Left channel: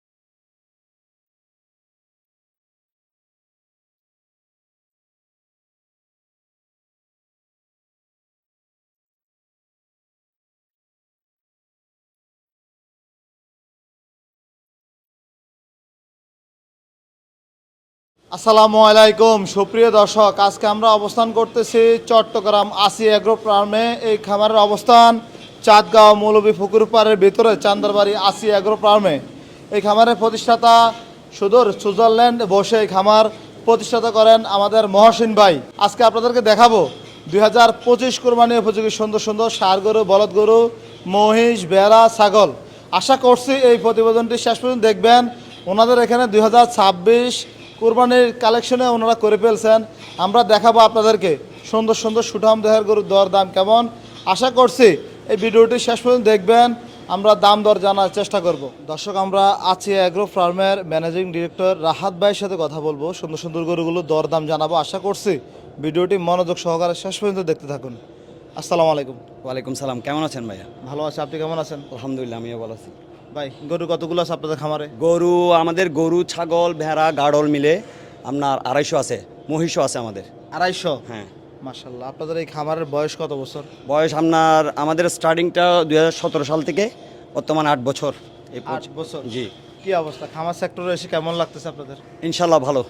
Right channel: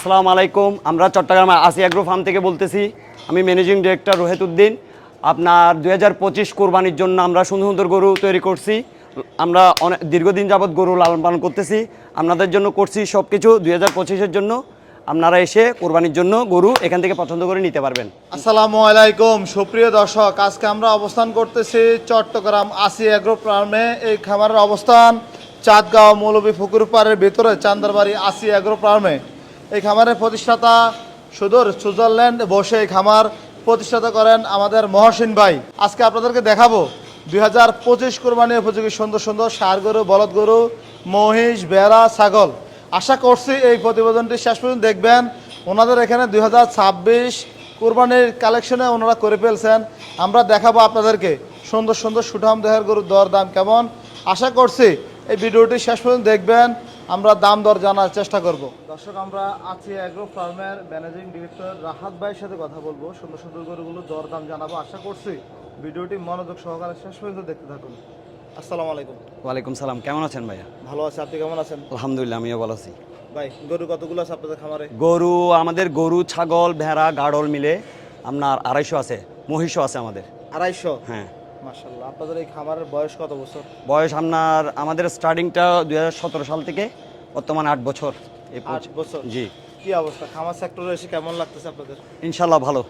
আসসালামু আলাইকুম। আমরা চট্টগ্রাম আসিয়া গ্রো ফার্ম থেকে বলতেছি, আমি ম্যানেজিং ডিরেক্টর রোহেত উদ্দিন। আপনার দুই হাজার পঁচিশ কোরবানির জন্য আমরা সুন্দর সুন্দর গরু তৈরি করছি। আমরা অনেক দীর্ঘদিন যাবৎ গরু লালন পালন করতেছি। আপনাদের জন্য করছি সব কিছু দুই হাজার পঁচিশের জন্য। আপনারা এসে কোরবানির জন্য গরু এখান থেকে পছন্দ করে নিতে পারবেন। আসসালামু আলাইকুম। সুপ্রিয় দর্শক, আজকে আমরা অবস্থান করতেছি চট্টগ্রাম আসি এগ্রো ফার্মে। এই খামারের অবস্থান চাঁদগাঁও মৌলভী পুকুর পাড়ের ভিতরে, চান্দারবাড়ি আসি এগ্রো ফার্মে। এই খামারের প্রতিষ্ঠাতা সুদূর সুইজারল্যান্ড বসে এই খামার প্রতিষ্ঠাতা করেন আমাদের মহসিন ভাই। আজকে আপনাদেরকে দেখাবো দুই হাজার পঁচিশ কোরবানি উপযোগী সুন্দর সুন্দর সার গরু, বলদ গরু, মহিষ, বেড়া, ছাগল। আশা করছি এই প্রতিবেদনটি শেষ পর্যন্ত দেখবেন। ওনাদের এখানে দুই হাজার ছাব্বিশ কোরবানির কালেকশনে ওনারা করে ফেলছেন। আমরা দেখাবো আপনাদেরকে সুন্দর সুন্দর সুঠাম দেহের গরুর দর দাম কেমন। আশা করছি এই ভিডিওটি শেষ পর্যন্ত দেখবেন। আমরা দাম দর জানার চেষ্টা করব। দর্শক আমরা আছি অ্যাগ্রো ফার্মের ম্যানেজিং ডিরেক্টর রাহাত ভাইয়ের সাথে কথা বলব। সুন্দর সুন্দর গরুগুলো দর দাম জানাব আশা করছি। ভিডিওটি মনোযোগ সহকারে শেষ পর্যন্ত দেখতে থাকুন। আসসালামু আলাইকুম। ওয়ালাইকুম সালাম কেমন আছেন ভাইয়া? ভালো আছে আপনি কেমন আছেন? আলহামদুলিল্লাহ আমিও ভালো আছি। ভাই গরু কতগুলো আছে আপনাদের খামারে? গরু আমাদের গরু ছাগল ভেড়া গাড়ল মিলে আপনার আড়াইশো আছে মহিষও আছে আমাদের। আড়াইশো? হ্যাঁ। মাশাল্লাহ আপনাদের এই খামারের বয়স কত বছর? বয়স আপনার আমাদের স্টার্টিংটা দু হাজার সতেরো সাল থেকে বর্তমানে আট বছর। এই আট বছর? জি। কি অবস্থা? খামার সেক্টরে এসে কেমন লাগতেছে আপনাদের? ইনশাল্লাহ ভালো।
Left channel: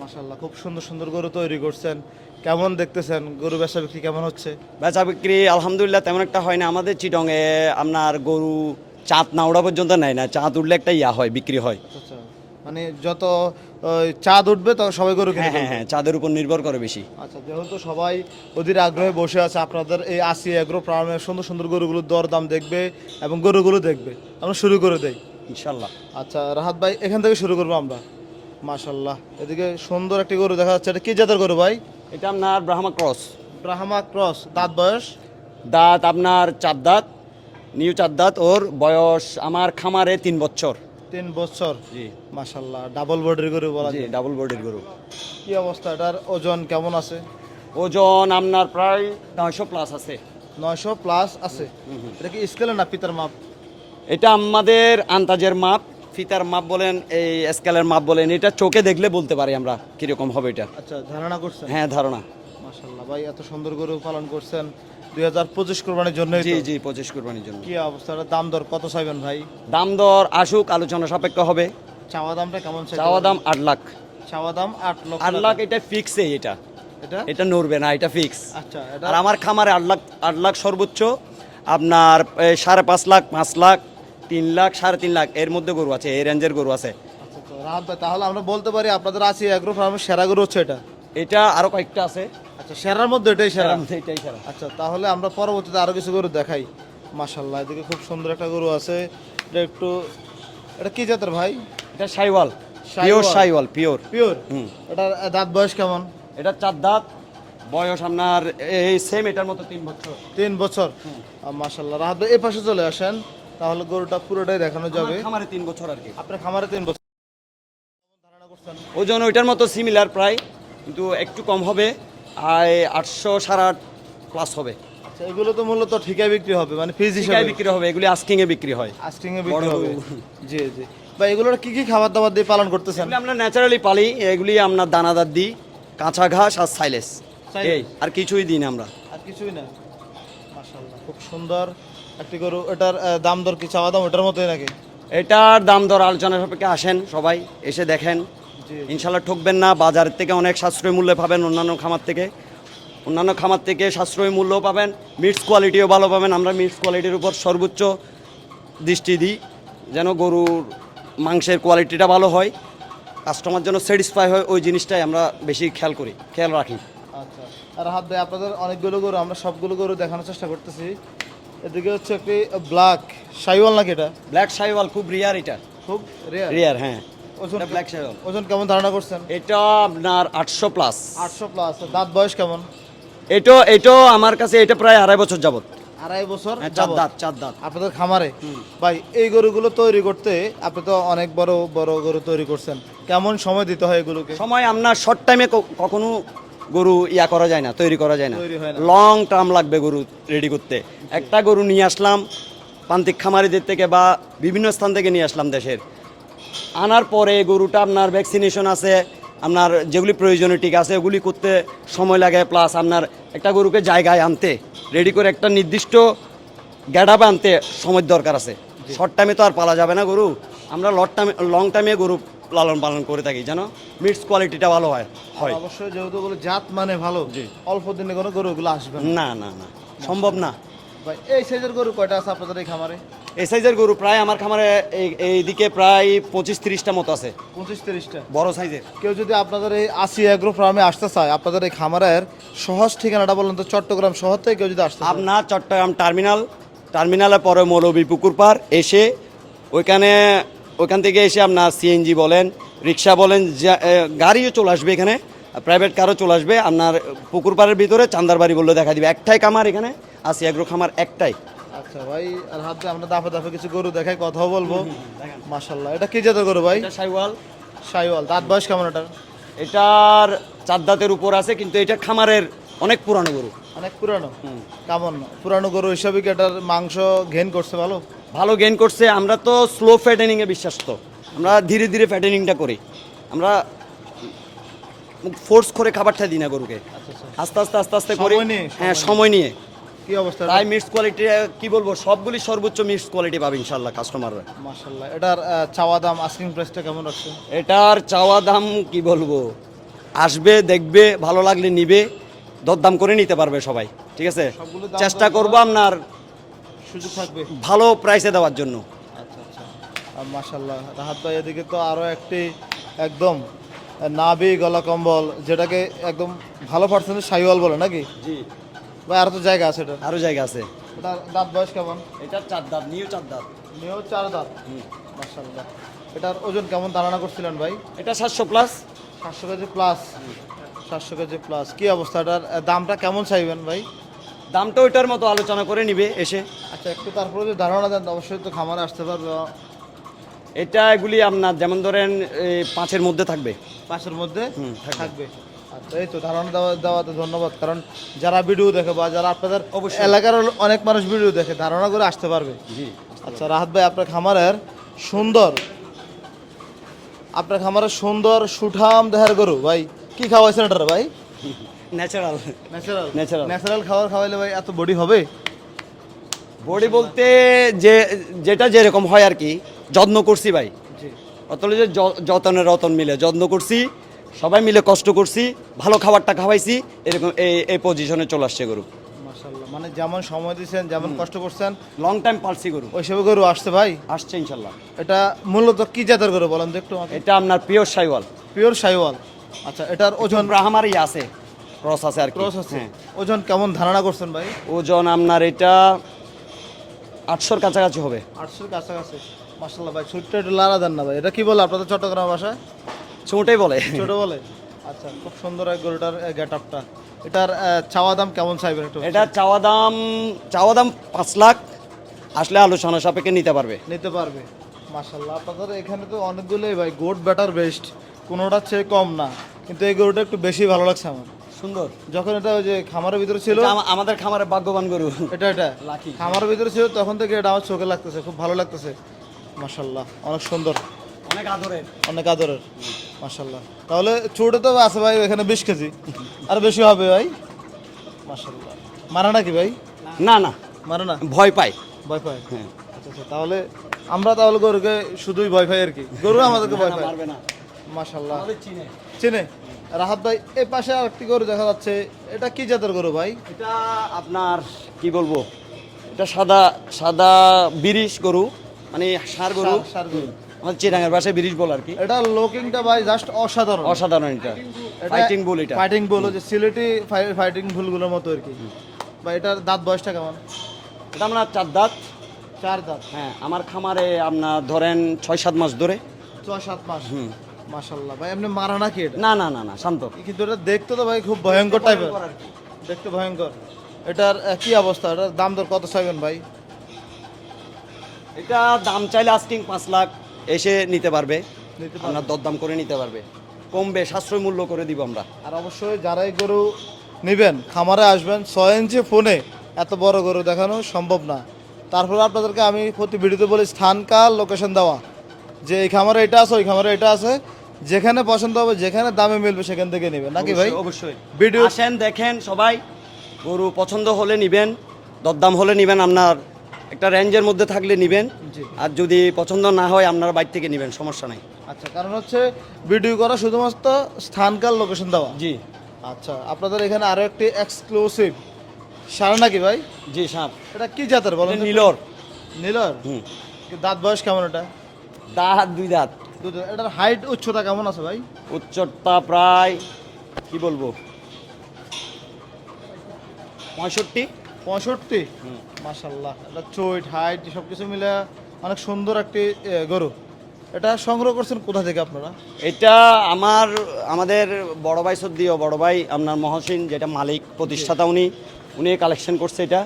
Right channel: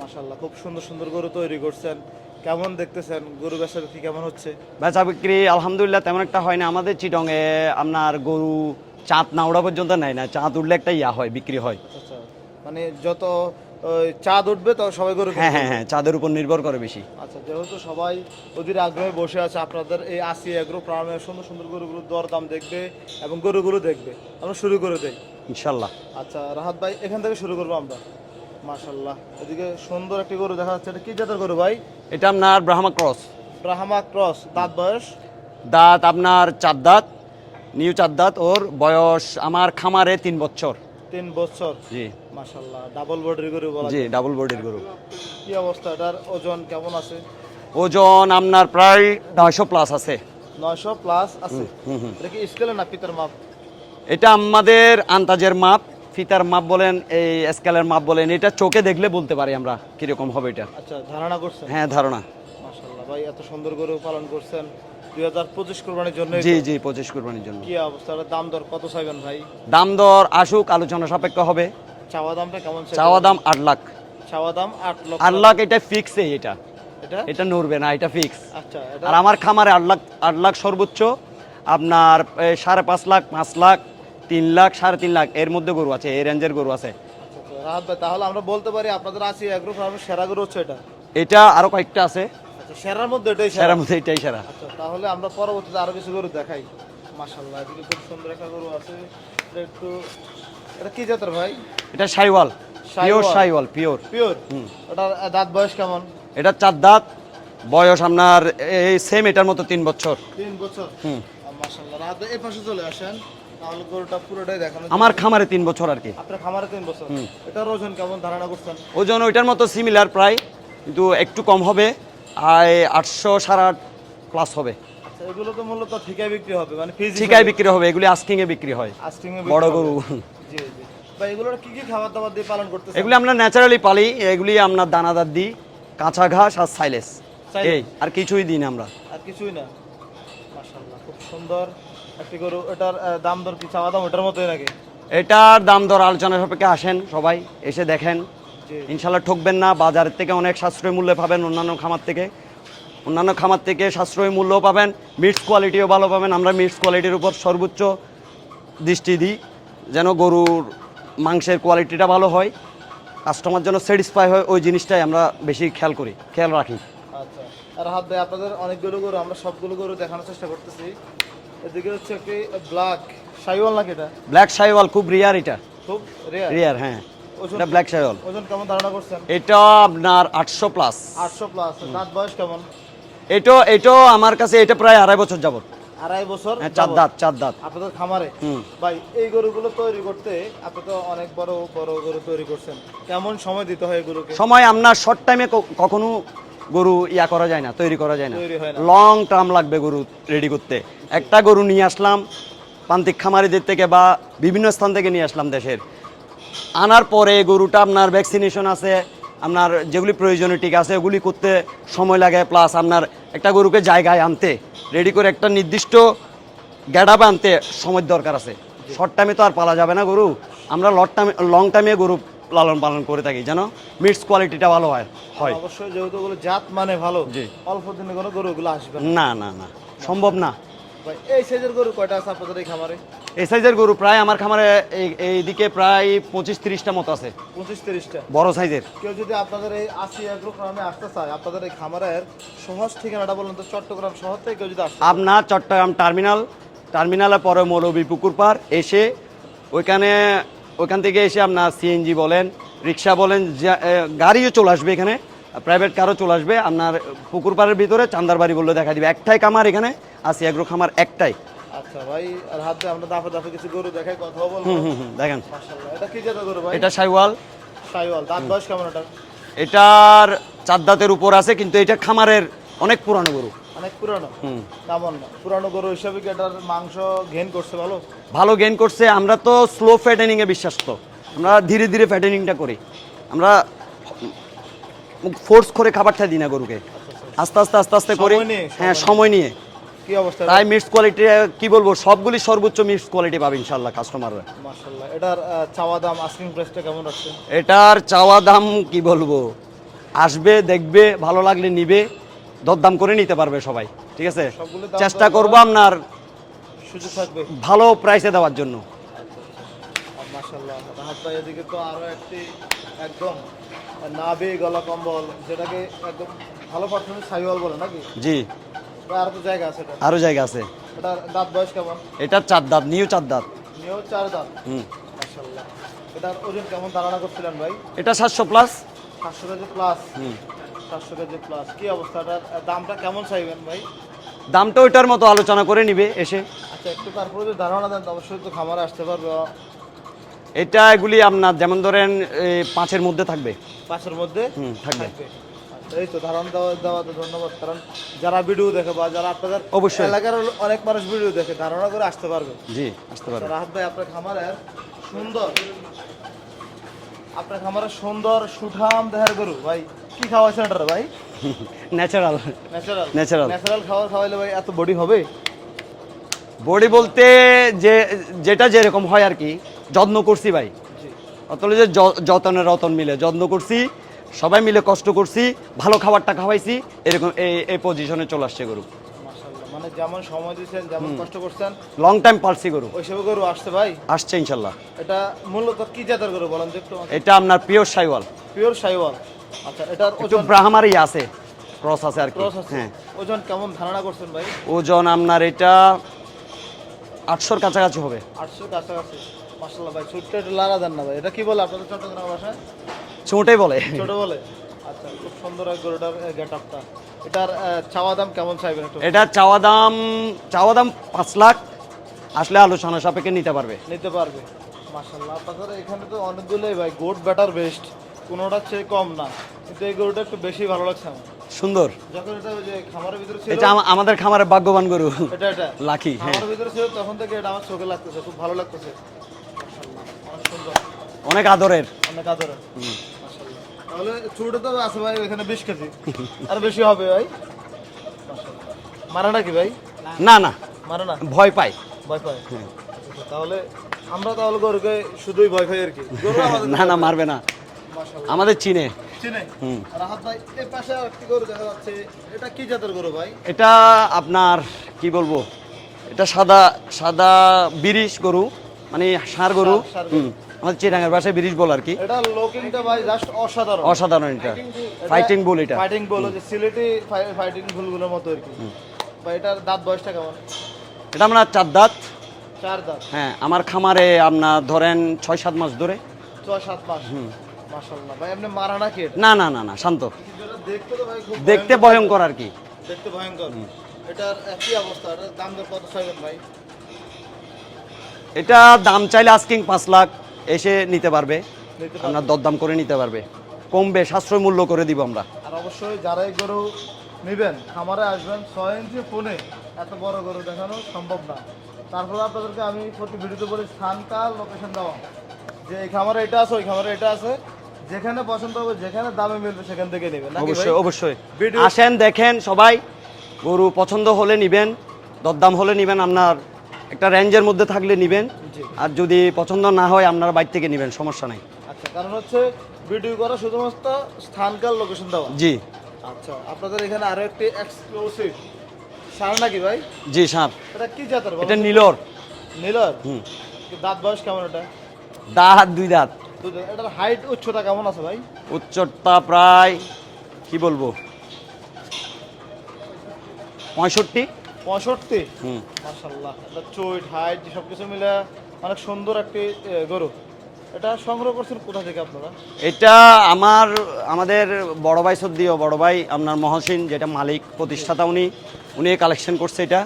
মাশাল্লাহ খুব সুন্দর সুন্দর গরু তৈরি করছেন। কেমন দেখতেছেন? গরু বেচা বিক্রি কেমন হচ্ছে? বেচা বিক্রি আলহামদুলিল্লাহ তেমন একটা হয় না। আমাদের চিটংয়ে আপনার গরু চাঁদ না ওড়া পর্যন্ত নেয় না। চাঁদ উঠলে একটা ইয়া হয় বিক্রি হয়। আচ্ছা। মানে যত চাঁদ উঠবে তো সবাই গরু হ্যাঁ হ্যাঁ হ্যাঁ চাঁদের উপর নির্ভর করে বেশি। আচ্ছা যেহেতু সবাই অধীর আগ্রহে বসে আছে আপনাদের এই আসি এগ্রো ফার্মের সুন্দর সুন্দর গরুগুলোর দর দাম দেখবে এবং গরুগুলো দেখবে। আমরা শুরু করে দেই। ইনশাল্লাহ। আচ্ছা রাহাত ভাই এখান থেকে শুরু করব আমরা। মাশাল্লাহ এদিকে সুন্দর একটি গরু দেখা যাচ্ছে। এটা কি জাতের গরু ভাই? এটা আপনার ব্রাহ্মা ক্রস। ব্রাহ্মা ক্রস দাঁত বয়স? দাঁত আপনার চার দাঁত নিউ চার দাঁত ওর বয়স আমার খামারে তিন বছর। তিন বছর। জি। মাশাল্লাহ ডাবল বডির গরু বলা জি ডাবল বডির গরু। কি অবস্থা? এটার ওজন কেমন আছে? ওজন আপনার প্রায় নয়শো প্লাস আছে। নয়শো প্লাস আছে। এটা কি স্কেলে না পিতার মাপ? এটা আমাদের আন্তাজের মাপ। ফিতার মাপ বলেন এই স্কেলের মাপ বলেন এটা চোখে দেখলে বলতে পারি আমরা কীরকম হবে এটা। আচ্ছা ধারণা করছেন? হ্যাঁ ধারণা। মাশাল্লাহ ভাই এত সুন্দর গরু পালন করছেন। দুই হাজার পঁচিশ কোরবানির জন্য জি জি পঁচিশ কোরবানির জন্য। কি অবস্থা? দাম দর কত চাইবেন ভাই? দাম দর আসুক আলোচনা সাপেক্ষ হবে। চাওয়া দামটা কেমন? চাওয়া দাম আট লাখ। চাওয়া দাম আট লক্ষ। আট লাখ এটা ফিক্সে এটা। এটা? এটা নড়বে না এটা ফিক্স আচ্ছা আর আমার খামারে আট লাখ আট লাখ সর্বোচ্চ। আপনার সাড়ে পাঁচ লাখ পাঁচ লাখ তিন লাখ সাড়ে তিন লাখ। এর মধ্যে গরু আছে এই রেঞ্জের গরু আছে। আচ্ছা, আচ্ছা, তাহলে আমরা বলতে পারি আপনাদের আছে এগ্রো ফার্মের সেরা গরু হচ্ছে এটা। এটা আরও কয়েকটা আছে। আচ্ছা সেরার মধ্যে এটাই সেরা? সেরার মধ্যে এটাই সেরা। আচ্ছা তাহলে আমরা পরবর্তীতে আরও কিছু গরু দেখাই। মাশাল্লাহ এদিকে খুব সুন্দর একটা গরু আছে। এটা একটু এটা কি জাতের ভাই? এটা Sahiwal pure Sahiwal. Pure. Pure? Hmm. এটার দাঁত বয়স কেমন? এটা চার দাঁত বয়স আপনার এই সেম এটার মতো তিন বছর। তিন বছর? হুম। মাশাল্লাহ ভাই এই পাশে চলে আসেন। তাহলে গরুটা পুরোটাই দেখানো আমার খামারে তিন বছর আর কি। আপনার খামারে তিন বছর? এটার ওজন কেমন? ধারণা করছেন? ওজন ওইটার মতো সিমিলার প্রায় কিন্তু একটু কম হবে। আটশো সাড়ে আট প্লাস হবে। আচ্ছা এগুলো তো মূলত ঠিকায় বিক্রি হবে মানে ঠিকায় বিক্রি হবে এগুলি আস্কিং এ বিক্রি হয়। আস্টিং এ বড় গরু। জি জি। ভাই এগুলোর কি কি খাবার দাবার দিয়ে পালন করতেছেন? এগুলি আমরা ন্যাচারালি পালি এগুলি আমরা দানাদার দিই কাঁচা ঘাস আর সাইলেস। এই আর কিছুই দিই না আমরা। আর কিছুই না? মাশাআল্লাহ খুব সুন্দর একটি গরু। এটার দাম দর কি চাওয়া দাম ওটার মতোই নাকি? এটার দাম দর আলোচনা সাপেক্ষে আসেন সবাই এসে দেখেন। ইনশাল্লাহ ঠকবেন না বাজার থেকে অনেক সাশ্রয় মূল্যে পাবেন অন্যান্য খামার থেকে। অন্যান্য খামার থেকে সাশ্রয় মূল্য পাবেন মিটস কোয়ালিটিও ভালো পাবেন। আমরা মিটস কোয়ালিটির উপর সর্বোচ্চ দৃষ্টি দিই যেন গরুর মাংসের কোয়ালিটিটা ভালো হয় কাস্টমার যেন স্যাটিসফাই হয় ওই জিনিসটাই আমরা বেশি খেয়াল করি খেয়াল রাখি। আচ্ছা আর হাত ভাই আপনাদের অনেকগুলো গরু আমরা সবগুলো গরু দেখানোর চেষ্টা করতেছি। এদিকে হচ্ছে একটি ব্ল্যাক সাইওয়াল নাকি এটা? ব্ল্যাক শাইওয়াল খুব রিয়ার এটা। খুব রেয়ার রিয়ার হ্যাঁ। এটা ব্ল্যাক ওজন কেমন ধারণা করছেন? এটা আপনার আটশো প্লাস আটশো প্লাস দাঁত বয়স কেমন? এটা আমার কাছে এটা প্রায় আড়াই বছর যাবত। আড়াই বছর হ্যাঁ, চার দাঁত চার দাঁত। আপনাদের খামারে? ভাই এই গরুগুলো তৈরি করতে আপনি তো অনেক বড় বড় গরু তৈরি করছেন। কেমন সময় দিতে হয় এগুলোকে সময় আপনার শর্ট টাইমে কখনো গরু ইয়া করা যায় না তৈরি করা যায় না। না। লং টার্ম লাগবে গরু রেডি করতে। একটা গরু নিয়ে আসলাম প্রান্তিক খামারিদের থেকে বা বিভিন্ন স্থান থেকে নিয়ে আসলাম দেশের। আনার পরে গরুটা আপনার ভ্যাকসিনেশন আছে আপনার যেগুলি প্রয়োজনীয় টিকা আছে ওগুলি করতে সময় লাগে প্লাস আপনার একটা গরুকে জায়গায় আনতে রেডি করে একটা নির্দিষ্ট গ্যাডাপে আনতে সময় দরকার আছে। শর্ট টাইমে তো আর পালা যাবে না গরু। আমরা লট টাইমে লং টাইমে গরু লালন পালন করে থাকি জানো? মিটস কোয়ালিটিটা ভালো হয়। হয়। অবশ্যই যেহেতু জাত মানে ভালো অল্প দিনে কোনো গরুগুলো আসবে না না না। সম্ভব না। ভাই এই সাইজের গরু কয়টা আছে আপনাদের এই খামারে? এই সাইজের গরু প্রায় আমার খামারে এই- এইদিকে প্রায় পঁচিশ তিরিশটা মতো আছে। পঁচিশ তিরিশটা। বড় সাইজের। কেউ যদি আপনাদের এই আসি ফার্মে আসতে চায় আপনাদের এই খামারের সহজ ঠিকানাটা বলুন তো চট্টগ্রাম শহর থেকে কেউ যদি? আপনার চট্টগ্রাম টার্মিনাল টার্মিনালের পরে মৌলবী পুকুর পার এসে ওইখানে ওইখান থেকে এসে আপনার সিএনজি বলেন রিক্সা বলেন যা- গাড়িও চলে আসবে এখানে। প্রাইভেট কারও চলে আসবে। আপনার পুকুর পাড়ের ভিতরে চান্দারবাড়ি বললে দেখা দিবে। একটাই খামার এখানে আসি এগ্রো খামার একটাই। আচ্ছা ভাই আর হাত আমরা দাফে দাফে কিছু গরু দেখাই বলব। হুম, দেখেন। এটা কি জাতের গরু ভাই? এটা সাইওয়াল। সাইওয়াল দাঁত বয়স কেমন এটার? এটার চার দাঁতের উপর আছে কিন্তু এটা খামারের অনেক পুরানো গরু। অনেক পুরানো? হুম। কেমন? পুরানো গরু হিসাবে কি এটার মাংস ঘেন করছে ভালো? ভালো গেইন করছে আমরা তো স্লো ফ্যাটেনিং এ বিশ্বাস তো আমরা ধীরে ধীরে ফ্যাটেনিংটা করি। আমরা ফোর্স করে খাবারটা দিই না গরুকে। আস্তে আস্তে আস্তে আস্তে করি। হ্যাঁ সময় নিয়ে। কি অবস্থা? তাই মিক্স কোয়ালিটি কি বলব সবগুলি সর্বোচ্চ মিক্স কোয়ালিটি পাবে কাস্টমাররা এটার চাওয়া দাম আস্কিং প্রাইসটা কেমন এটার চাওয়া দাম কি বলব আসবে দেখবে ভালো লাগলে নিবে দরদাম করে নিতে পারবে সবাই ঠিক আছে? চেষ্টা করব আপনার ভালো প্রাইসে দেওয়ার জন্য। আর রাহাত ভাই এদিকে তো আরও একটি একদম নাবি গলা কম্বল যেটাকে একদম ভালো পার্সেন্টেজ সাইওয়াল বলে নাকি? জি। বা আর তো জায়গা আছে এটা। আরও জায়গা আছে। এটার দাঁত বয়স কেমন? এটার চার দাঁত নিউ চার দাঁত। নিউ চার দাঁত? হুম। মাশাল্লাহ এটার ওজন কেমন ধারণা করছিলেন ভাই? এটা সাতশো প্লাস সাতশো কেজি প্লাস সাতশো কেজি প্লাস কি অবস্থা? এটার দামটা কেমন চাইবেন ভাই? দামটা ওইটার মতো আলোচনা করে নিবে এসে। আচ্ছা একটু তারপরে ধারণা দেন অবশ্যই তো খামারে আসতে পারবে। এটা এগুলি আপনার যেমন ধরেন পাঁচের মধ্যে থাকবে। পাঁচের মধ্যে? থাকবে। আচ্ছা, এই তো ধারণা দেওয়া দেওয়াতে ধন্যবাদ। কারণ যারা ভিডিও দেখে বা যারা আপনাদের অবশ্যই। এলাকার অনেক মানুষ ভিডিও দেখে ধারণা করে আসতে পারবে। জি আচ্ছা রাহাত ভাই আপনার খামারের সুন্দর আপনার খামারের সুন্দর সুঠাম দেহের গরু ভাই কি খাওয়াইছেন এটার ভাই? Natural natural Natural. ন্যাচারাল খাবার খাওয়াইলে ভাই এত বডি হবে? বডি বলতে যে যেটা যেরকম হয় আর কি যত্ন করছি ভাই। অতলে যে যতনে রতন মিলে যত্ন করছি সবাই মিলে কষ্ট করছি ভালো খাবারটা খাওয়াইছি এরকম এই এই পজিশনে চলে আসছে গরু। মানে যেমন সময় দিয়েছেন যেমন কষ্ট করছেন লং টাইম পালছি গরু। ওই সব গরু আসছে ভাই? আসছে ইনশাল্লাহ। এটা মূলত কি জাতের গরু বলেন তো একটু এটা আপনার পিওর সাইওয়াল। পিওর সাইওয়াল। আচ্ছা এটার ওজন ব্রাহ্মারই আছে ক্রস আছে আর কি। ক্রস আছে। হ্যাঁ। ওজন কেমন ধারণা করছেন ভাই? ওজন আপনার এটা আটশোর কাছাকাছি হবে। আটশোর কাছাকাছি। ভাই ছোট্ট দেন না ভাই। এটা কি বলে আপনাদের চট্টগ্রাম ভাষায়? চোটে বলে। ছোট বলে? আচ্ছা খুব সুন্দর এক গরুটার গেট আপটা এটার চাওয়া দাম কেমন চাইবেন একটু? এটা চাওয়া দাম চাওয়া দাম পাঁচ লাখ। আসলে আলোচনা সাপেক্ষে নিতে পারবে। নিতে পারবে। আপনাদের এখানে তো অনেকগুলোই ভাই গোট ব্যাটার বেস্ট কোনোটা চেয়ে কম না। কিন্তু এই গরুটা একটু বেশি ভালো লাগছে আমার। সুন্দর। যখন এটা ওই যে খামারের ভিতরে ছিল এটা আমাদের খামারের ভাগ্যবান গরু। এটা এটা। লাকি খামারের ভিতরে ছিল তখন থেকে এটা আমার চোখে লাগতেছে খুব ভালো লাগতেছে। মাসাল্লাহ অনেক সুন্দর। অনেক আদরের। অনেক আদরের মাসাল্লাহ তাহলে ছোটে তো আছে ভাই এখানে বিশ কেজি। আর বেশি হবে ভাই? মাসাল্লাহ মারা নাকি ভাই? না না। মারে না ভয় পাই ভয় পায়? আচ্ছা আচ্ছা তাহলে আমরা তাহলে গরুকে শুধুই ভয় পাই আর কি। গরু আমাদের না না মারবে না। মাসাল্লাহ আমাদের চিনে। চেনে? রাহাত ভাই এই পাশে আর একটি গরু দেখা যাচ্ছে। এটা কি জাতের গরু ভাই? এটা আপনার কি বলব? এটা সাদা সাদা বিরিশ গরু। মানে ষাঁড় গরু। হুম, আমাদের চিরাঙের ভাষায় বিরিশ বল আর কি। এটা লুকিংটা ভাই জাস্ট অসাধারণ। অসাধারণ এটা। ফাইটিং বল এটা। ফাইটিং বল হচ্ছে সিলেটি ফাইটিং ফুলগুলোর মতো আর কি। বা এটার দাঁত বয়সটা কেমন? এটা আমরা চার দাঁত। চার দাঁত। হ্যাঁ আমার খামারে আপনার ধরেন ছয় সাত মাস ধরে। ছয় সাত মাস। মাশাল্লাহ ভাই এমনি মারা নাকি না না না না শান্ত। কিন্তু এটা দেখতে তো ভাই খুব দেখতে ভয়ঙ্কর ভয়ঙ্কর আর কি। দেখতে ভয়ঙ্কর। এটার কি অবস্থা এটার দাম দর কত চাইবেন ভাই? এটা দাম চাইলে আস্কিং পাঁচ লাখ এসে নিতে পারবে। আপনার দরদাম করে নিতে পারবে। কমবে সাশ্রয় মূল্য করে দিব আমরা। আর অবশ্যই যারা এই গরু নেবেন খামারে আসবেন ছয় ইঞ্চি ফোনে এত বড় গরু দেখানো সম্ভব না। তারপরে আপনাদেরকে আমি প্রতি ভিডিওতে বলি স্থান কাল লোকেশন দেওয়া। যে এই খামারে এটা আছে ওই খামারে এটা আছে। যেখানে পছন্দ হবে যেখানে দামে মিলবে সেখান থেকে নেবেন। নাকি ভাই? অবশ্যই। ভিডিও- আসেন দেখেন সবাই। গরু পছন্দ হলে নিবেন দরদাম হলে নিবেন আপনার একটা রেঞ্জের মধ্যে থাকলে নিবেন। আর যদি পছন্দ না হয় আপনার বাইর থেকে নিবেন সমস্যা নাই। আচ্ছা কারণ হচ্ছে ভিডিও করা শুধুমাত্র স্থানকাল লোকেশন দেওয়া। জি। আচ্ছা আপনাদের এখানে আরও একটি এক্সক্লুসিভ সারা নাকি ভাই? জি সাপ এটা কি জাতের বলেন এটা নীলর। নীলর? হুম। দাঁত বয়স কেমন এটা? দাঁত দুই দাঁত। এটার হাইট উচ্চতা কেমন আছে ভাই? উচ্চতা প্রায় কি বলব? পঁয়ষট্টি। পঁয়ষট্টি? হাইট সব কিছু মিলে অনেক সুন্দর একটি গরু। এটা সংগ্রহ করছেন কোথা থেকে আপনারা? এটা আমার আমাদের বড় ভাই সদ্দিও বড় ভাই আপনার মহসিন যেটা মালিক প্রতিষ্ঠাতা উনি উনি কালেকশন করছে এটা।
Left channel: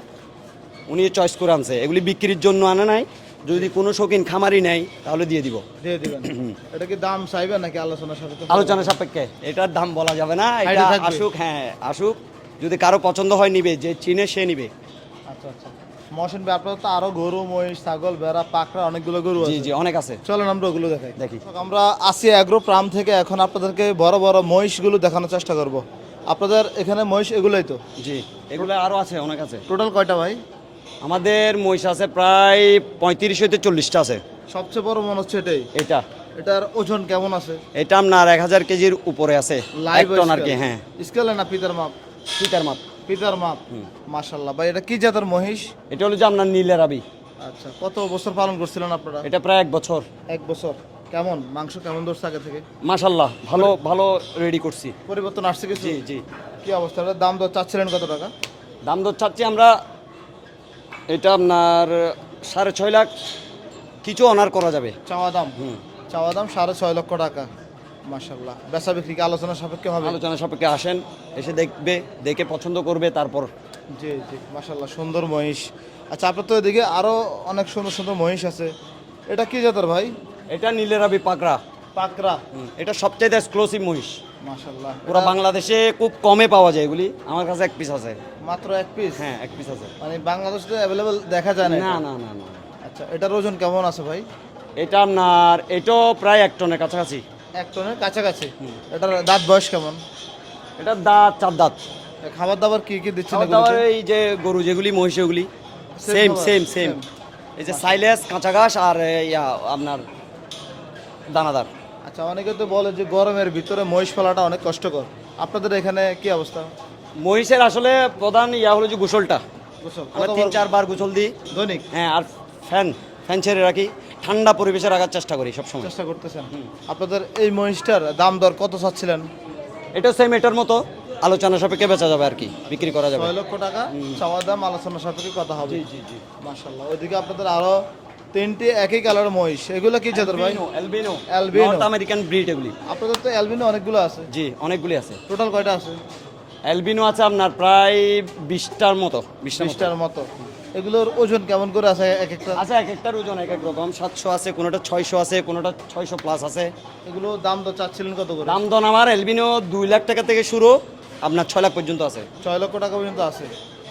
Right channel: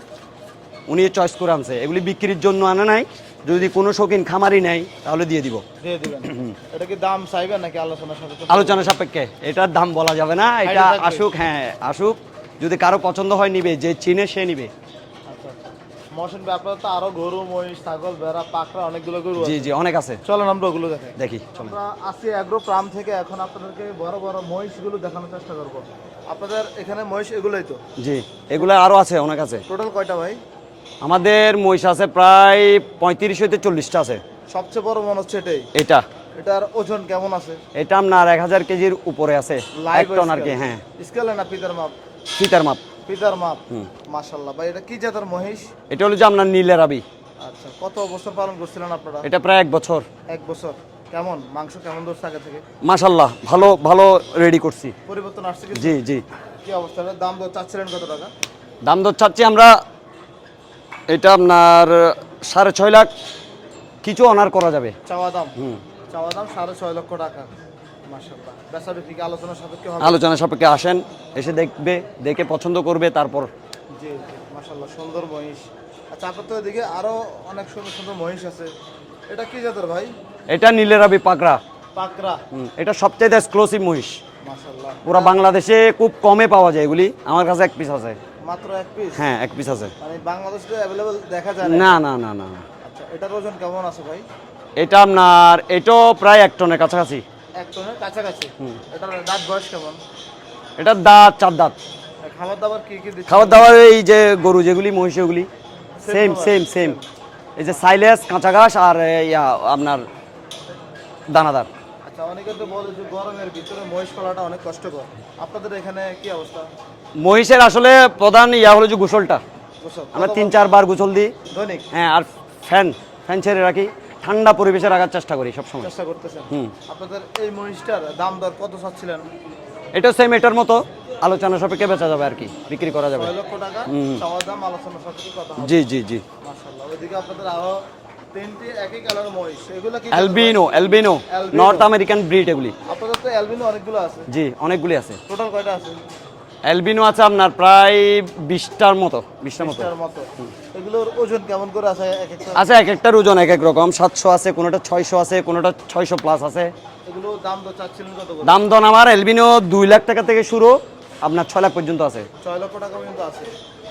উনি চয়েস করে আনছে। এগুলি বিক্রির জন্য আনে নাই। যদি কোনো শৌখিন খামারি নেই তাহলে দিয়ে দিব। দিয়ে দিবেন। এটা কি দাম চাইবেন নাকি আলোচনার সাথে? আলোচনা সাপেক্ষে। এটার দাম বলা যাবে না। এটা আসুক হ্যাঁ আসুক। যদি কারও পছন্দ হয় নিবে যে চিনে সে নিবে। আচ্ছা আচ্ছা। মহসিন ভাই তো আরও গরু মহিষ ছাগল ভেড়া পাকড়া অনেকগুলো গরু জি জি অনেক আছে। চলেন আমরা ওগুলো দেখাই। দেখি। আমরা আসি অ্যাগ্রো প্রাম থেকে এখন আপনাদেরকে বড় বড় মহিষগুলো দেখানোর চেষ্টা করব। আপনাদের এখানে মহিষ এগুলোই তো? জি এগুলো আরও আছে অনেক আছে। টোটাল কয়টা ভাই? আমাদের মহিষ আছে প্রায় পঁয়ত্রিশ হইতে চল্লিশটা আছে। সবচেয়ে বড় মনে হচ্ছে এটাই। এটা। এটার ওজন কেমন আছে? এটা আপনার এক হাজার কেজির উপরে আছে। এক টন আর কি হ্যাঁ। স্কেলে না পিতার মাপ? ফিটার মাপ। পিতার মাপ। হুম। মাশাল্লাহ ভাই এটা কি জাতের মহিষ? এটা হলো যে আপনার নীলের আবি। আচ্ছা কত বছর পালন করছিলেন আপনারা? এটা প্রায় এক বছর। এক বছর। কেমন? মাংস কেমন ধরছে আগে থেকে? মাশাল্লাহ ভালো ভালো রেডি করছি। পরিবর্তন আসছে কিছু? জি জি। কি অবস্থা? এটার দাম দর চাচ্ছিলেন কত টাকা? দাম দর চাচ্ছি আমরা এটা আপনার সাড়ে ছয় লাখ। কিছু অনার করা যাবে। চাওয়া দাম। চাওয়া দাম সাড়ে ছয় লক্ষ টাকা। মাশাল্লাহ বেচা বিক্রি কি আলোচনা সাপেক্ষে হবে? আলোচনা সাপেক্ষে আসেন এসে দেখবে দেখে পছন্দ করবে তারপর জি জি মাশাল্লাহ সুন্দর মহিষ। আচ্ছা আপনার তো এদিকে আরও অনেক সুন্দর সুন্দর মহিষ আছে। এটা কি জাতের ভাই? এটা নীলের আবি পাকড়া। পাকরা এটা সবচেয়ে এক্সক্লুসিভ মহিষ। মাশাল্লাহ পুরা বাংলাদেশে খুব কমে পাওয়া যায় এগুলি। আমার কাছে এক পিস আছে। মাত্র এক পিস হ্যাঁ এক পিস আছে। মানে বাংলাদেশে অ্যাভেলেবল দেখা যায় না না না না না। আচ্ছা এটার ওজন কেমন আছে ভাই? এটা আপনার এটাও প্রায় এক টনের কাছাকাছি। এক টনের কাছাকাছি। এটার দাঁত বয়স কেমন? এটার দাঁত চার দাঁত। খাবার দাবার কি কি দিচ্ছে খাবার দাবার এই যে গরু যেগুলি মহিষ ওগুলি সেম সেম সেম এই যে সাইলেস কাঁচা ঘাস আর ইয়া, আপনার দানাদার। আচ্ছা অনেকে তো বলে যে গরমের ভিতরে মহিষ পালাটা অনেক কষ্টকর। আপনাদের এখানে কি অবস্থা? মহিষের আসলে প্রধান ইয়া হলো যে গোসলটা। আমরা তিন চারবার গোসল দিই। হ্যাঁ আর ফ্যান ফ্যান ছেড়ে রাখি। ঠান্ডা পরিবেশে রাখার চেষ্টা করি সবসময়। চেষ্টা করতেছেন। আপনাদের এই মহিষটার দাম দর কত চাচ্ছিলেন? এটা সেম এটার মতো আলোচনা সাপেক্ষে বেচা যাবে আর কি বিক্রি করা যাবে। লক্ষ টাকা চাওয়া দাম আলোচনা সাপেক্ষে কথা হবে। জি জি জি। মাশাল্লাহ ওইদিকে আপনাদের আরও তিনটি একই কালার মহিষ। এগুলো কি? Albino albino North American breed এগুলি। আপনাদের তো অ্যালবিনো অনেকগুলো আছে। জি অনেকগুলি আছে। টোটাল কয়টা আছে? অ্যালবিনো আছে আপনার প্রায় বিশটার মতো বিশটার মতো। এগুলোর ওজন কেমন করে আছে এক একটা? আচ্ছা এক একটার ওজন এক এক রকম। সাতশো আছে কোনোটা ছয়শো আছে কোনোটা ছয়শো প্লাস আছে। এগুলো দাম তো চাচ্ছিলেন কত দাম দন আমার এলবিনো দুই লাখ টাকা থেকে শুরু আপনার ছয় লাখ পর্যন্ত আছে। ছয় লক্ষ টাকা পর্যন্ত আছে।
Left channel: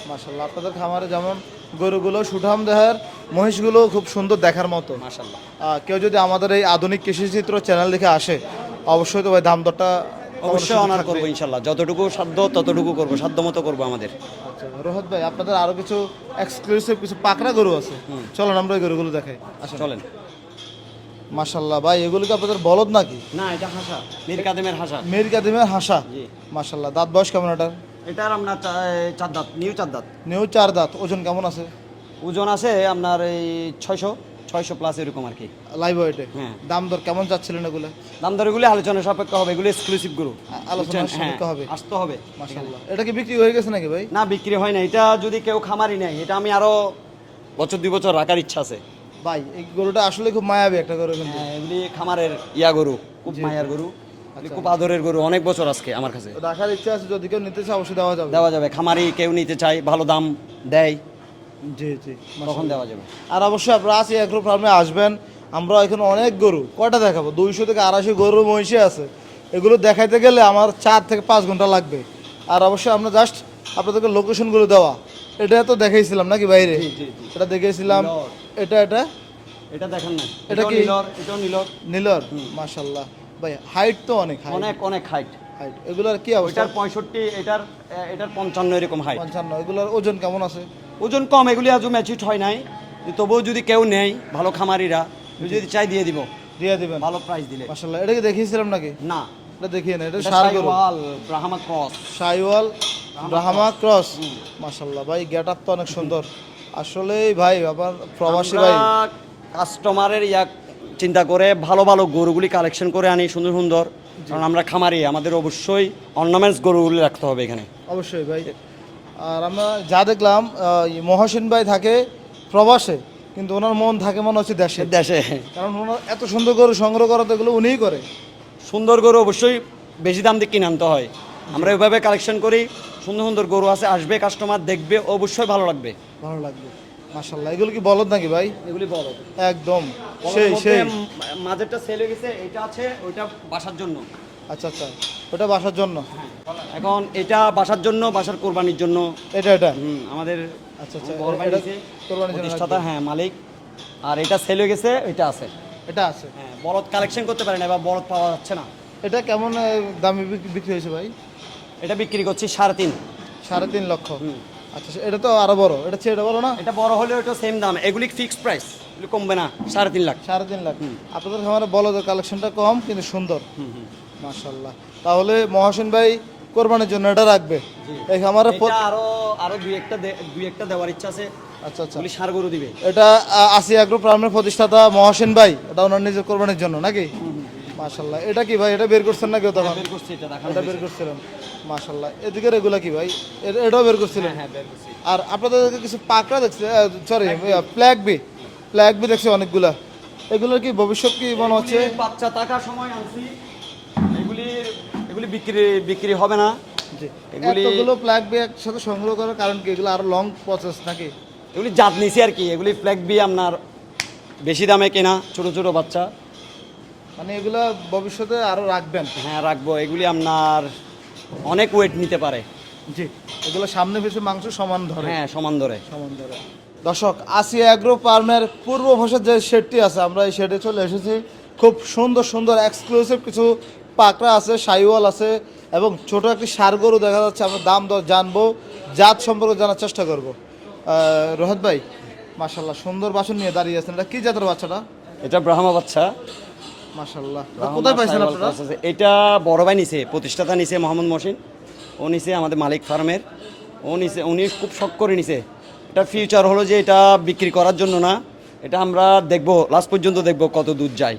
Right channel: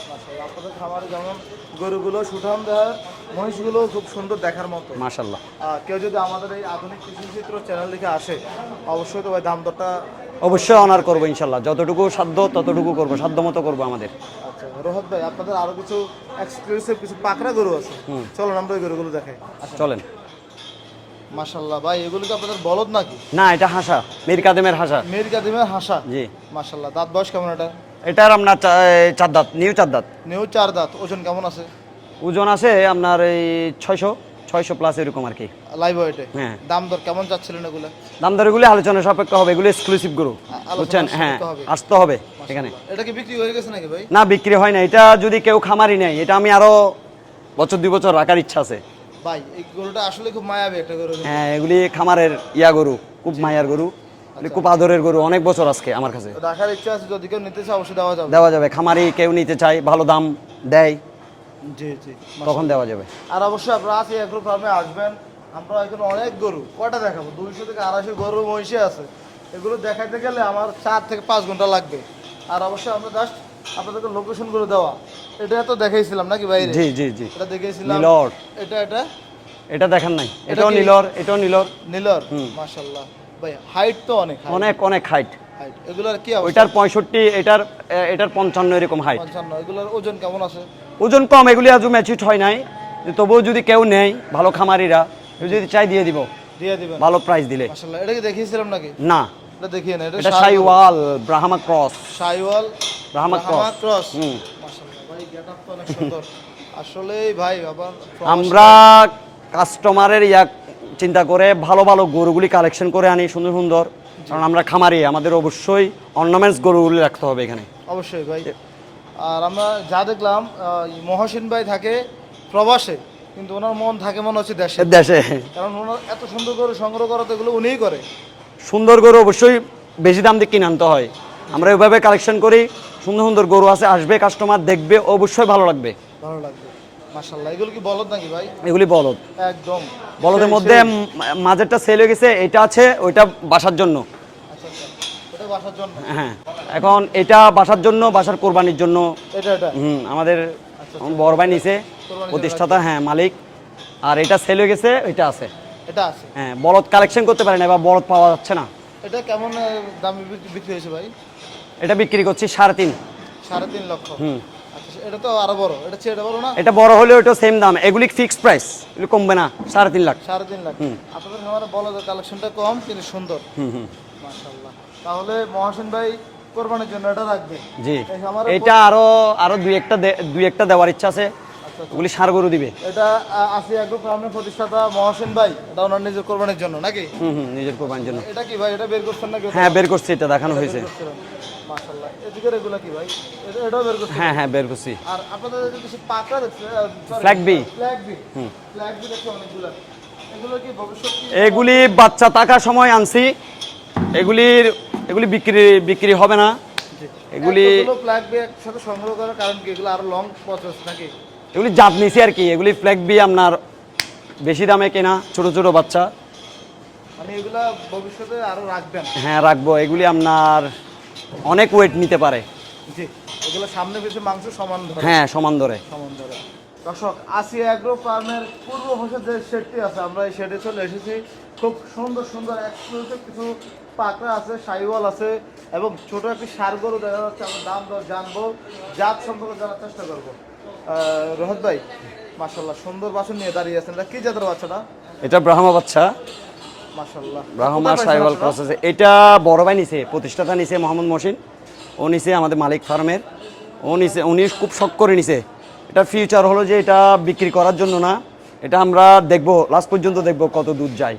মাশাল্লাহ আপনাদের খামারে যেমন গরুগুলো সুঠাম দেহের মহিষগুলো খুব সুন্দর দেখার মতো। মাশাল্লাহ কেউ যদি আমাদের এই আধুনিক কৃষিচিত্র চ্যানেল দেখে আসে অবশ্যই তো ভাই দাম দরটা অবশ্যই অনার করব ইনশাল্লাহ যতটুকু সাধ্য ততটুকু করব। সাধ্য মতো করব আমাদের। আচ্ছা রোহত ভাই আপনাদের আরও কিছু এক্সক্লুসিভ কিছু পাকড়া গরু আছে? চলুন আমরা গরুগুলো দেখাই। চলেন। মাশাল্লাহ ভাই এগুলো কি আপনাদের বলদ নাকি? না এটা হাসা। মীর কাদেমের হাসা। মেয়ের কাদিমের হাসা? জি। মাশাল্লাহ দাঁত বয়স কেমন এটা এটার আপনার চার দাঁত নিউ চার দাঁত। নিউ চার দাঁত ওজন কেমন আছে? ওজন আছে আপনার এই ছয়শো। ছয়শো প্লাস এরকম আর কি। লাইভ ওয়েটে হ্যাঁ। দাম দর কেমন চাচ্ছিলেন এগুলো? দাম দর এগুলি আলোচনা সাপেক্ষ হবে এগুলি এক্সক্লুসিভ গরু বুঝছেন? হ্যাঁ আসতে হবে এখানে। এটা কি বিক্রি হয়ে গেছে নাকি ভাই? না বিক্রি হয় না। এটা যদি কেউ খামারি নেয় এটা আমি আরও বছর দুই বছর রাখার ইচ্ছা আছে। ভাই এই গরুটা আসলে খুব মায়াবী একটা গরু। হ্যাঁ এগুলি খামারের ইয়া গরু খুব মায়ার গরু খুব আদরের গরু অনেক বছর আজকে আমার কাছে। রাখার ইচ্ছা আছে যদি কেউ নিতে চায় অবশ্যই দেওয়া যাবে। দেওয়া যাবে। খামারি কেউ নিতে চায় ভালো দাম দেয়। জি জি তখন দেওয়া যাবে? আর অবশ্যই আপনারা আসি এগ্রো ফার্মে আসবেন। আমরা এখানে অনেক গরু কয়টা দেখাবো? দুইশো থেকে আড়াইশো গরুর মহিষে আছে। এগুলো দেখাইতে গেলে আমার চার থেকে পাঁচ ঘণ্টা লাগবে। আর অবশ্যই আমরা জাস্ট আপনাদেরকে লোকেশনগুলো দেওয়া। এটা তো দেখাইছিলাম নাকি বাইরে? জি জি জি। এটা এটা এটা? এটা দেখেন নাই। এটাও নীলর এটাও নীলর। নীলর? মাশাল্লাহ ভাই হাইট তো অনেক অনেক অনেক হাইট হাইট এগুলোর কি অবস্থা? ওইটার পঁয়ষট্টি এটার এটার পঞ্চান্ন এরকম হাইট পঞ্চান্ন। এগুলোর ওজন কেমন আছে? ওজন কম এগুলি আজও ম্যাচিউড হয় নাই। তবুও যদি কেউ নেয় ভালো খামারিরা যদি চাই দিয়ে দিব। ভালো প্রাইস দিলে। এটা কি দেখিয়েছিলাম নাকি? না। এটা দেখিয়ে না এটা এটা Sahiwal Brahma cross. Sahiwal Brahma Brahma cross. Hmm. ভাই গেট তো অনেক সুন্দর। ভাই আবার আমরা কাস্টমারের ইয়া চিন্তা করে ভালো ভালো গরুগুলি কালেকশন করে আনি সুন্দর সুন্দর। কারণ আমরা খামারি আমাদের অবশ্যই অর্নামেন্টস গরুগুলি রাখতে হবে এখানে। অবশ্যই ভাই। আর আমরা যা দেখলাম মহসিন ভাই থাকে প্রবাসে কিন্তু ওনার মন থাকে মনে হচ্ছে দেশে। দেশে। কারণ ওনার এত সুন্দর করে সংগ্রহ করা তো এগুলো উনিই করে। সুন্দর গরু অবশ্যই বেশি দাম দিয়ে কিনে আনতে হয়। আমরা ওইভাবে কালেকশন করি সুন্দর সুন্দর গরু আছে আসবে কাস্টমার দেখবে অবশ্যই ভালো লাগবে। ভালো লাগবে। মাশাল্লাহ এগুলো কি বলদ নাকি ভাই? এগুলি বলদ। একদম। বলদের মধ্যে। মাঝেরটা সেল হয়ে গেছে এটা আছে ওইটা বাসার জন্য। আচ্ছা আচ্ছা। ওটা বাসার জন্য? হ্যাঁ। এখন এটা বাসার জন্য বাসার কোরবানির জন্য। এটা এটা? হুম আমাদের আচ্ছা, বড় ভাই নিছে প্রতিষ্ঠাতা হ্যাঁ মালিক। আর এটা সেল হয়ে গেছে এটা আছে। এটা আছে? হ্যাঁ বলদ কালেকশন করতে পারে না বা বলদ পাওয়া যাচ্ছে না। এটা কেমন দামে বিক্রি হয়েছে ভাই? এটা বিক্রি করছি সাড়ে তিন। সাড়ে তিন লক্ষ। হুম। আচ্ছা এটা তো আরও বড়। এটা বড় না? এটা বড় হলেও এটা সেম দাম। এগুলি ফিক্সড প্রাইস এগুলি কমবে না সাড়ে তিন লাখ। সাড়ে তিন লাখ। আপনাদের খামারে বলদের কালেকশনটা কম কিন্তু সুন্দর। হুম হুম। মাশাল্লাহ তাহলে মহাসিন ভাই কোরবানির জন্য এটা রাখবে। জি। এটা আরও আরও দুই একটা দুই একটা দেওয়ার ইচ্ছা আছে। আচ্ছা আচ্ছা। ওগুলি সার গরু দিবে। এটা আসি আগ্রো প্রামের প্রতিষ্ঠাতা মহাসিন ভাই। এটা ওনার নিজের কোরবানির জন্য নাকি? হুম হুম নিজের কোরবানির জন্য। এটা কি ভাই? এটা বের করছেন নাকি হ্যাঁ বের করছি এটা দেখানো হয়েছে। মাশাল্লাহ এদিকে এগুলা কি ভাই? এটাও বের করছেন হ্যাঁ হ্যাঁ বের করছি। আর আপনাদের কিছু পাকড়া দেখছি sorry. Flag B flag B দেখছি অনেকগুলা। এগুলোর কি ভবিষ্যৎ কি এগুলি বাচ্চা থাকার সময় আনছি। এগুলির এগুলি বিক্রি বিক্রি হবে না। এগুলি- ফ্ল্যাগ বি একসাথে সংগ্রহ করার কারণ কি? এগুলো আরও লং প্রসেস থাকে এগুলি জাত নিছি আর কি। এগুলি ফ্ল্যাগ বি আপনার বেশি দামে কেনা ছোট ছোট বাচ্চা। মানে এগুলো ভবিষ্যতে আরও রাখবেন। হ্যাঁ রাখব। এগুলি আপনার অনেক ওয়েট নিতে পারে। জি। এগুলো সামনে পিছনে মাংস সমান ধরে। হ্যাঁ সমান ধরে। সমান ধরে। দর্শক আসিয়া অ্যাগ্রো ফার্মের পূর্ব ভাষার যে শেডটি আছে আমরা এই শেডে চলে এসেছি। খুব সুন্দর সুন্দর এক্সক্লুসিভ কিছু পাকড়া আছে সাইওয়াল আছে এবং ছোট একটি সার গরু দেখা যাচ্ছে আমরা দাম দর জানব জাত সম্পর্কে জানার চেষ্টা করব। রোহিত ভাই মাশাল্লাহ সুন্দর বাসন নিয়ে দাঁড়িয়ে আছেন। এটা কি জাতের বাচ্চাটা? এটা ব্রাহ্মা বাচ্চা। এটা বড় ভাই নিছে প্রতিষ্ঠাতা নিছে মোহাম্মদ মহসিন ও নিছে আমাদের মালিক ফার্মের। ও নিছে উনি খুব শখ করে নিছে। এটা ফিউচার হলো যে এটা বিক্রি করার জন্য না। এটা আমরা দেখব লাস্ট পর্যন্ত দেখব কত দূর যায়।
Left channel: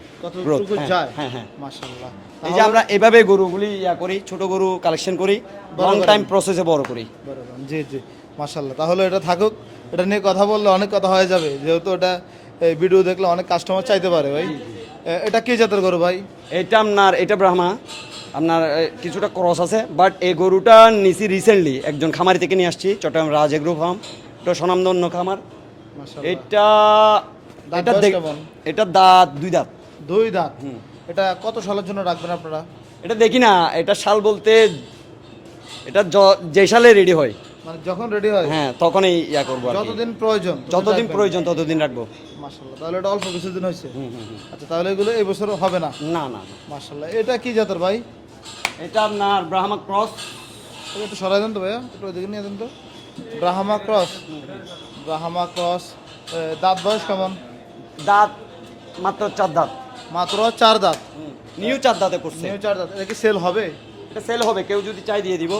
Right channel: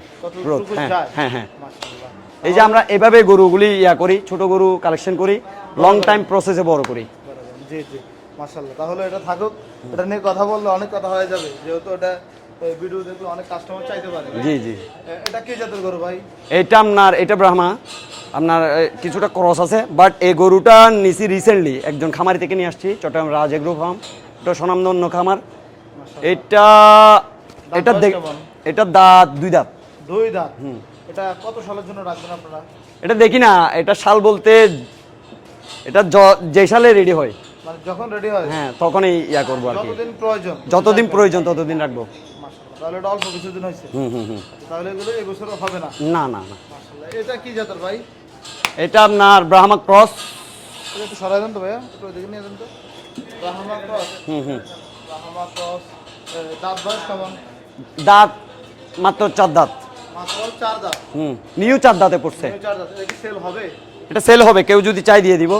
হ্যাঁ হ্যাঁ হ্যাঁ। এই যে আমরা এভাবে গরুগুলি ইয়া করি ছোট গরু কালেকশন করি লং টাইম প্রসেসে বড় করি। জি জি মাশাল্লাহ তাহলে এটা থাকুক এটা নিয়ে কথা বললে অনেক কথা হয়ে যাবে। যেহেতু এটা এই ভিডিও দেখলে অনেক কাস্টমার চাইতে পারে ভাই। জি জি। এটা কি জাতের গরু ভাই? এটা আপনার এটা ব্রাহ্মা। আপনার কিছুটা ক্রস আছে বাট এই গরুটা নিছি রিসেন্টলি একজন খামারি থেকে নিয়ে আসছি চট্টগ্রাম রাজ এগ্রো ফার্ম। এটা স্বনামধন্য খামার। এটা এটা বয়স দেখ কেমন? এটা দাঁত দুই দাঁত। দুই দাঁত? এটা কত সালের জন্য রাখবেন আপনারা? এটা দেখি না এটা শাল বলতে এটা য- সালে রেডি হয়। মানে যখন রেডি হয়? হ্যাঁ তখনই ইয়া করব যতদিন প্রয়োজন। যতদিন প্রয়োজন ততদিন রাখব। তাহলে এটা অল্প কিছুদিন হয়েছে। হুম হুম আচ্ছা তাহলে এগুলো এই বছর হবে না? না না না। এটা কি জাতের ভাই? এটা আপনার ব্রাহ্মা ক্রস একটু সরাই দেন তো ভাইয়া একটু দেখে নিয়ে দেন তো। ব্রাহ্মা ক্রস হুম হুম। ব্রাহ্মা ক্রস দাঁত বয়স কেমন? দাঁত মাত্র চার দাঁত। মাত্র চার দাঁত। হুম নিউ চার দাঁতে পড়ছে। নিউ চার দাঁত। এটা কি সেল হবে? এটা সেল হবে কেউ যদি চাই দিয়ে দিব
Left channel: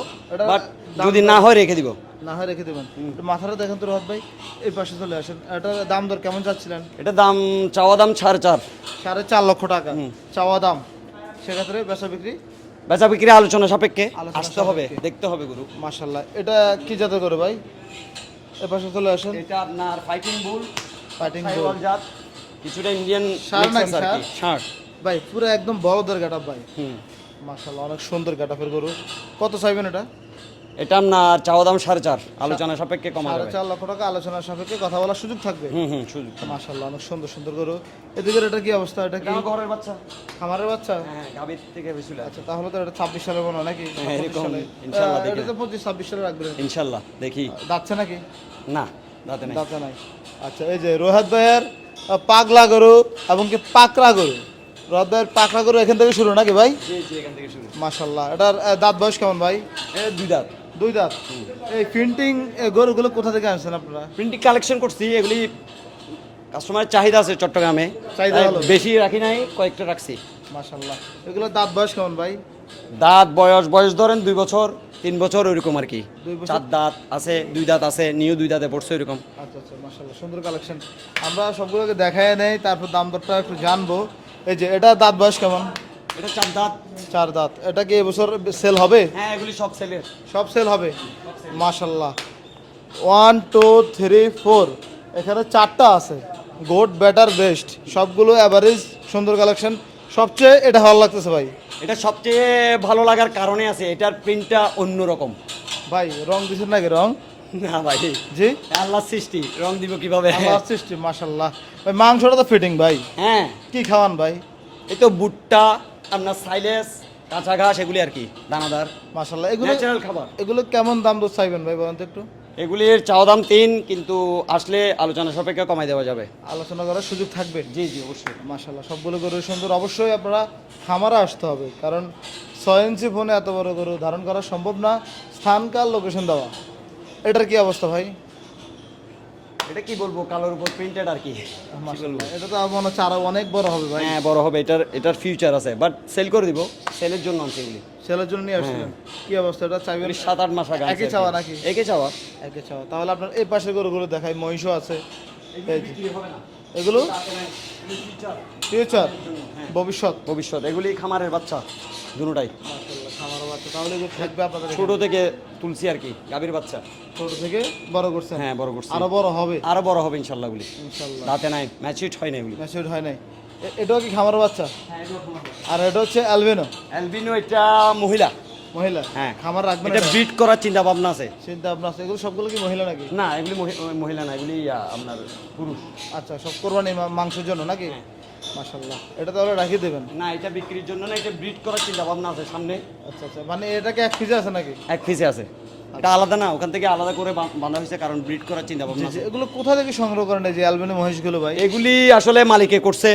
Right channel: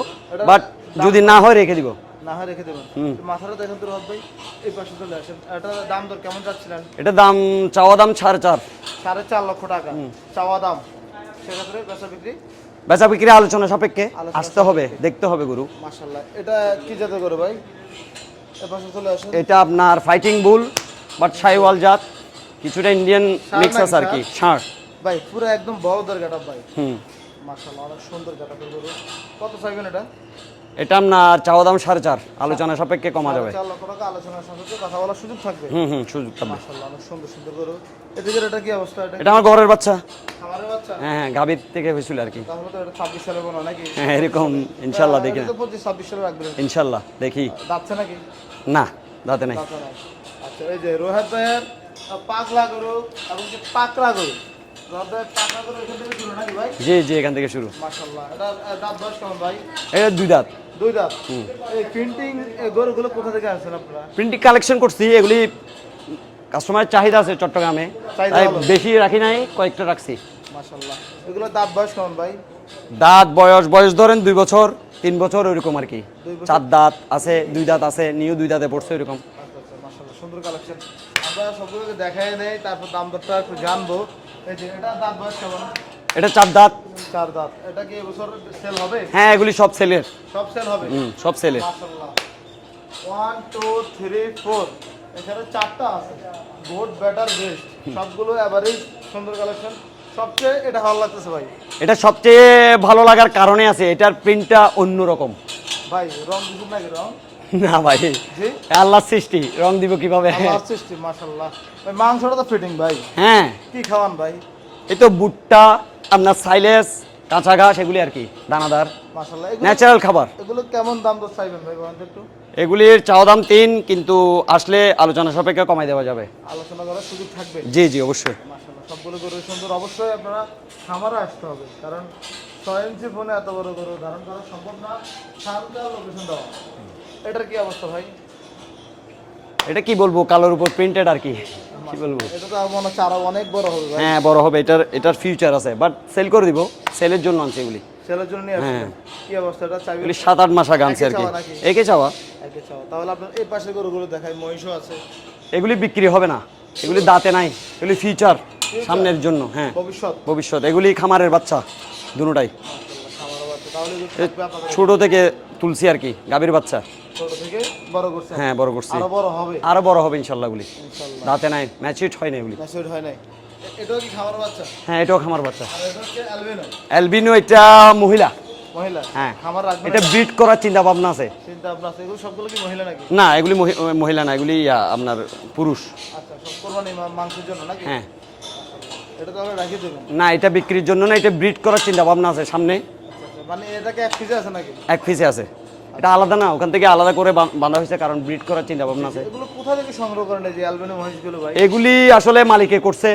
বাট যদি না হয় রেখে দিব। না হয় রেখে দেবেন। মাথাটা দেখেন তো রহত ভাই এই পাশে চলে আসেন। এটা দাম দর কেমন চাচ্ছিলেন এটা দাম চাওয়া দাম সাড়ে চার। সাড়ে চার লক্ষ টাকা। চাওয়া দাম। সেক্ষেত্রে বেচা বিক্রি? বেচা বিক্রি আলোচনা সাপেক্ষে আসতে হবে দেখতে হবে গরু। মাশাল্লাহ এটা কি জাতে করে ভাই? এই পাশে চলে আসেন। এটা আপনার ফাইটিং বুল বাট সাইওয়াল জাত। কিছুটা ইন্ডিয়ান মিক্স আছে আর কি ষাঁড় ভাই পুরো একদম বড়দের গাটা ভাই। হুম। মাশাল্লাহ অনেক সুন্দর গাটাপের গরু। কত চাইবেন এটা? এটা আপনার চাওয়া দাম সাড়ে চার আলোচনা সাপেক্ষে কমা যাবে চার লক্ষ টাকা আলোচনার সাপেক্ষে কথা বলার সুযোগ থাকবে। হুম হুম সুযোগ পাবে। মাশাল্লাহ অনেক সুন্দর সুন্দর গরু। এদিকে এটা কি অবস্থা? এটা এটা আমার ঘরের বাচ্চা। খামারের বাচ্চা? হ্যাঁ হ্যাঁ গাভীর থেকে হয়েছিল আর কি। তাহলে তো এটা ছাব্বিশ সালের মনে হয় নাকি? হ্যাঁ এরকম ইনশাল্লাহ দেখি। এটা তো পঁচিশ ছাব্বিশ সালে রাখবে। ইনশাল্লাহ দেখি। যাচ্ছে নাকি? না দাঁতে নাই। দাঁতা নাই। আচ্ছা এই যে রোহাত ভাইয়ের পাগলা গরু এবং কি পাকড়া গরু। রদের পাকড়া গরু এখান থেকে শুরু নাকি ভাই? জি জি এখান থেকে শুরু। মাশাল্লাহ এটার দাঁত বয়স কেমন ভাই? এটা দুই দাঁত। দুই দাঁত? এই প্রিন্টিং গরুগুলো কোথা থেকে আসছেন আপনারা? প্রিন্টিং কালেকশন করছি এগুলি কাস্টমারের চাহিদা আছে চট্টগ্রামে। চাহিদা তাই বেশি রাখি নাই কয়েকটা রাখছি। মাশাল্লাহ এগুলো দাঁত বয়স কেমন ভাই? দাঁত বয়স বয়স ধরেন দুই বছর তিন বছর ওইরকম আর কি। চার দাঁত আছে দুই দাঁত আছে নিউ দুই দাঁতে পড়ছে এরকম আচ্ছা সুন্দর কালেকশন আমরা সবগুলোকে দেখায় নেই তারপর দাম দরটা একটু জানব। এই যে এটা দাঁত বয়স কেমন? এটা চার দাঁত। চার দাঁত। এটা কি এবছর সেল হবে? হ্যাঁ এগুলি সব সেলের সব সেল হবে? সব সেলের মাশাল্লাহ ওয়ান টু থ্রি ফোর এখানে চারটা আছে। গুড বেটার বেস্ট সবগুলো অ্যাভারেজ সুন্দর কালেকশন সবচেয়ে এটা ভালো লাগতেছে ভাই। এটা সবচেয়ে ভালো লাগার কারণে আছে এটার প্রিন্টটা অন্যরকম। ভাই রং দিছেন নাকি রং? না ভাই। জি? আল্লাহ সৃষ্টি রং দিব কীভাবে? আল্লাহর সৃষ্টি মাশাল্লাহ ভাই মাংসটা তো ফিটিং ভাই। হ্যাঁ। কি খাওয়ান ভাই? এই তো ভুট্টা আপনার সাইলেস কাঁচা ঘাস এগুলি আর কি দানাদার। মাশাল্লাহ এগুলো ন্যাচারাল খাবার। এগুলো কেমন দাম দর চাইবেন ভাই বলেন তো একটু? এগুলির চাওয়া দাম তিন কিন্তু আসলে আলোচনা সাপেক্ষে কমাই দেওয়া যাবে। আলোচনা করার সুযোগ থাকবে। জি জি অবশ্যই। মাশাল্লাহ সবগুলো গরু সুন্দর। অবশ্যই আপনারা খামারে আসতে হবে কারণ ছয় ইঞ্চি ফোনে এত বড় গরু ধারণ করা সম্ভব না। স্থানকাল লোকেশন দেওয়া। এটার কি অবস্থা ভাই? এটা কি বলব কালোর উপর প্রিন্টেড আর কি? কি বলব? এটা তো মনে হচ্ছে আরও অনেক বড় হবে ভাই। হ্যাঁ বড় হবে। এটার এটার ফিউচার আছে বাট সেল করে দিব। সেলের জন্য আনছি এগুলি। ছেলের জন্য নিয়ে আসছিলেন কি অবস্থা? এটা চাইবেন? এগুলি সাত আট মাস আগে আনছি আর কি। একে চাওয়া। একে চাও তাহলে আপনার এই পাশের গরুগুলো দেখাই মহিষও আছে। এগুলি বিক্রি হবে না। এগুলি? দাঁতে নাই। এগুলি ফিউচার? সামনের জন্য হ্যাঁ। ভবিষ্যৎ? ভবিষ্যৎ। এগুলি খামারের বাচ্চা দুটাই ছোট থেকে তুলসি আর কি গাভীর বাচ্চা। ছোট থেকে বড় করছে। হ্যাঁ বড় করছি। আরও বড় হবে। আরও বড় হবে ইনশাআল্লাহ দাঁতে নাই ম্যাচিউড হয় হয় নাই। এ- এটাও কি খামার বাচ্চা? হ্যাঁ এটাও খামার বাচ্চা। আর এটা হচ্ছে অ্যালবিনো। অ্যালবিনো এটা মহিলা। মহিলা? হ্যাঁ। খামার এটা ব্রিড করার চিন্তা ভাবনা আছে। চিন্তা ভাবনা আছে। এগুলো সবগুলো কি মহিলা নাকি? না এগুলি মহি- মহিলা না এগুলি আপনার পুরুষ। আচ্ছা সব কোরবানি মা- মাংসের জন্য নাকি? হ্যাঁ। মাশাআল্লাহ। এটা তাহলে রাখিয়ে দেবেন? না এটা বিক্রির জন্য না এটা ব্রিড করার চিন্তা ভাবনা আছে সামনে। মানে এটাকে এক পিসে আছে নাকি? এক পিসে আছে। এটা আলাদা না ওখান থেকে আলাদা করে বাঁধা হয়েছে কারণ ব্রিড করার চিন্তা ভাবনা আছে। এগুলো কোথা থেকে সংগ্রহ করেন এই যে অ্যালবিনো মহিষগুলো ভাই? এগুলি আসলে মালিকে করছে।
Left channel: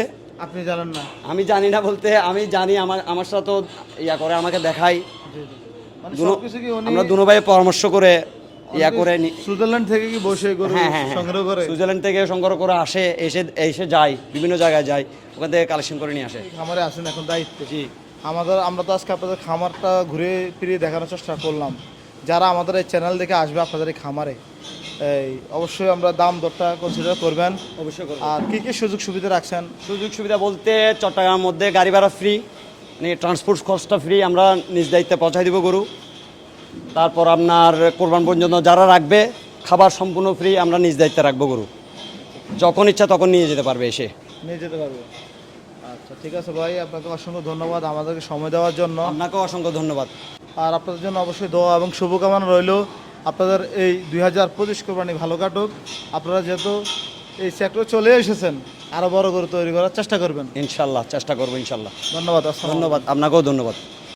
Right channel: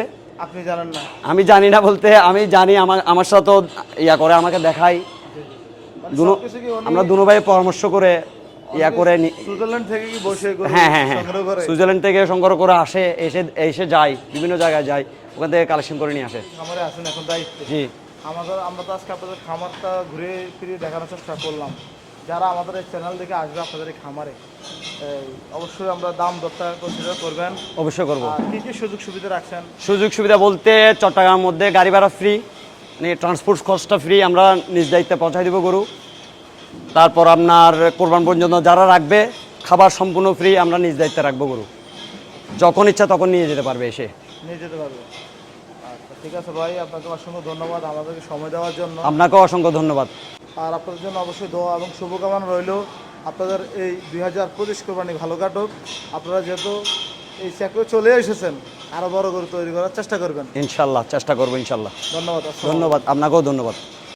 আপনি জানেন না। আমি জানি না বলতে আমি জানি আমার আমার সাথে ইয়া করে আমাকে দেখাই মানে আমরা দুনো ভাই পরামর্শ করে ইয়া করে সুইজারল্যান্ড থেকে কি বসে গরু হ্যাঁ হ্যাঁ হ্যাঁ। সংগ্রহ করে? সুইজারল্যান্ড থেকে সংগ্রহ করে আসে এসে এসে যায় বিভিন্ন জায়গায় যায় ওখান থেকে কালেকশন করে নিয়ে আসে। খামারে আসুন এখন দায়িত্ব। জি। আমাদের আমরা তো আজকে আপনাদের খামারটা ঘুরে ফিরে দেখানোর চেষ্টা করলাম। যারা আমাদের এই চ্যানেল দেখে আসবে আপনাদের এই খামারে এই অবশ্যই আমরা দাম দরটা কনসিডার করবেন। অবশ্যই করব। আর কী কী সুযোগ সুবিধা রাখছেন? সুযোগ সুবিধা বলতে চট্টগ্রামের মধ্যে গাড়ি ভাড়া ফ্রি মানে ট্রান্সপোর্ট কস্টটা ফ্রি আমরা নিজ দায়িত্বে পৌঁছাই দিব গরু। তারপর আপনার কোরবান পর্যন্ত যারা রাখবে খাবার সম্পূর্ণ ফ্রি আমরা নিজ দায়িত্বে রাখব গরু। যখন ইচ্ছা তখন নিয়ে যেতে পারবে এসে। নিয়ে যেতে পারবে। ঠিক আছে ভাই আপনাকে অসংখ্য ধন্যবাদ আমাদেরকে সময় দেওয়ার জন্য। আপনাকেও অসংখ্য ধন্যবাদ। আর আপনাদের জন্য অবশ্যই দোয়া এবং শুভকামনা রইল। আপনাদের এই দুই হাজার পঁচিশ কোরবানি ভালো কাটুক। আপনারা যেহেতু এই সেক্টরে চলে এসেছেন আরও বড় করে তৈরি করার চেষ্টা করবেন। ইনশাল্লাহ চেষ্টা করব ইনশাল্লাহ। ধন্যবাদ ধন্যবাদ আপনাকেও ধন্যবাদ।